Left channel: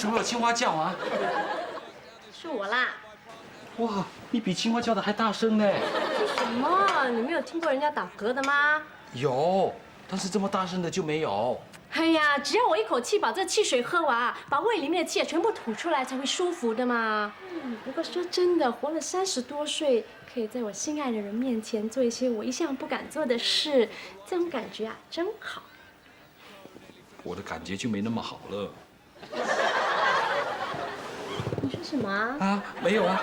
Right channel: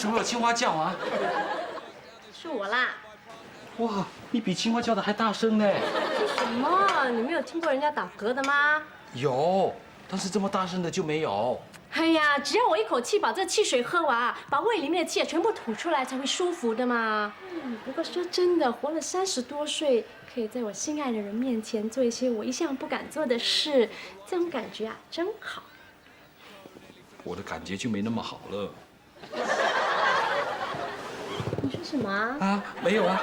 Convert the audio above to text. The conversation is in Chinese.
什么有青蛙叫啊？是我啦。哇，你比青蛙叫的还大声呢！什么？你没有听过人家打嗝的吗？有，但是这么大声的就没有。哎呀，只要我一口气把这汽水喝完啊，把胃里面的气全部吐出来，才会舒服的嘛。不过说真的，活了30多岁，可以在我心爱的人面前做一些我一向不敢做的事，这种感觉啊，真好。我的感觉就没那么好了。你说什么啊？啊，没有啊。